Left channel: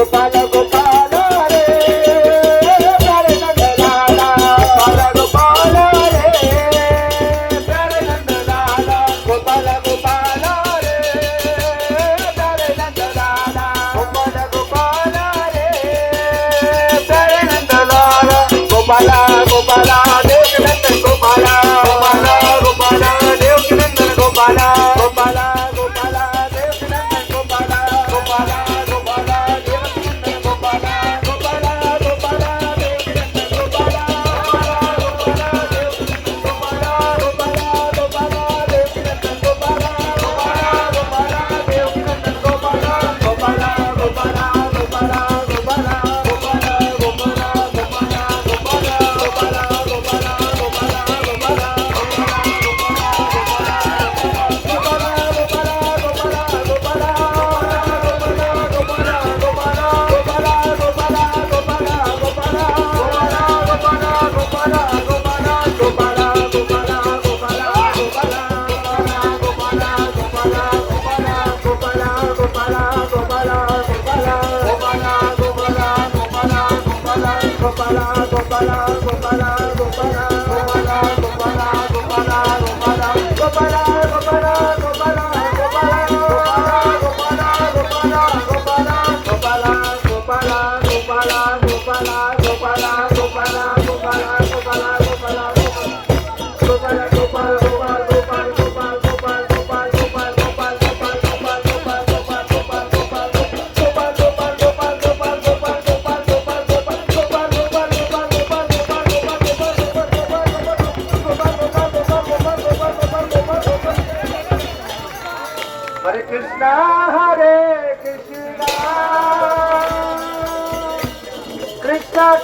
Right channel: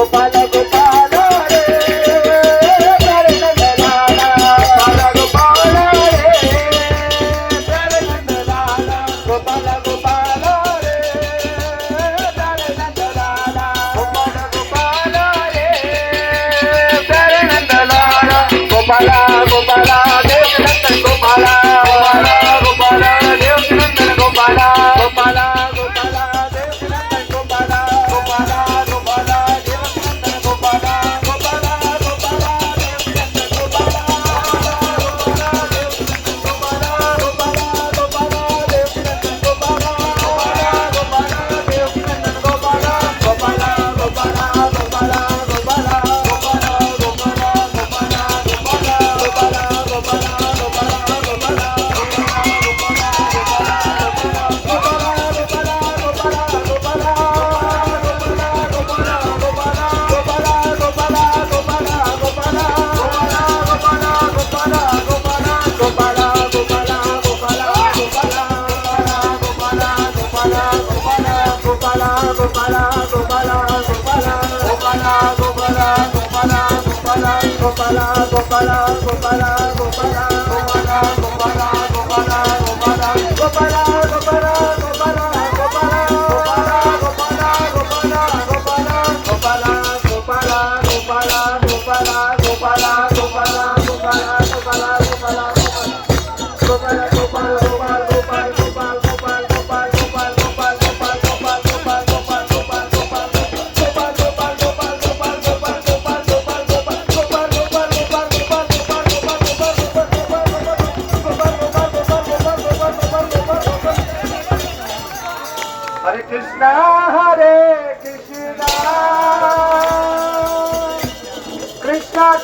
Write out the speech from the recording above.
गोपाल गोपाल रे प्यारे नंद लाला गोपाल रे प्यारे नंद लाला गोपाल गोपाल रे प्यारे नंद लाला गोपाल गोपाल रे प्यारे नंद लाला गोपाला गोपाला देव नंदन गोपाला गोपाला गोपाला देव नंदन गोपाला गोपाला गोपाला देव नंदन गोपाला गोपाला गोपाला देव नंदन गोपाला गोपाला गोपाला देव नंदन गोपाला गोपाला गोपाला देव नंदन गोपाला गोपाला देव नंदन Gopala Gopala Gopala Gopala Gopala Hare Krishna, Hare Krishna, Krishna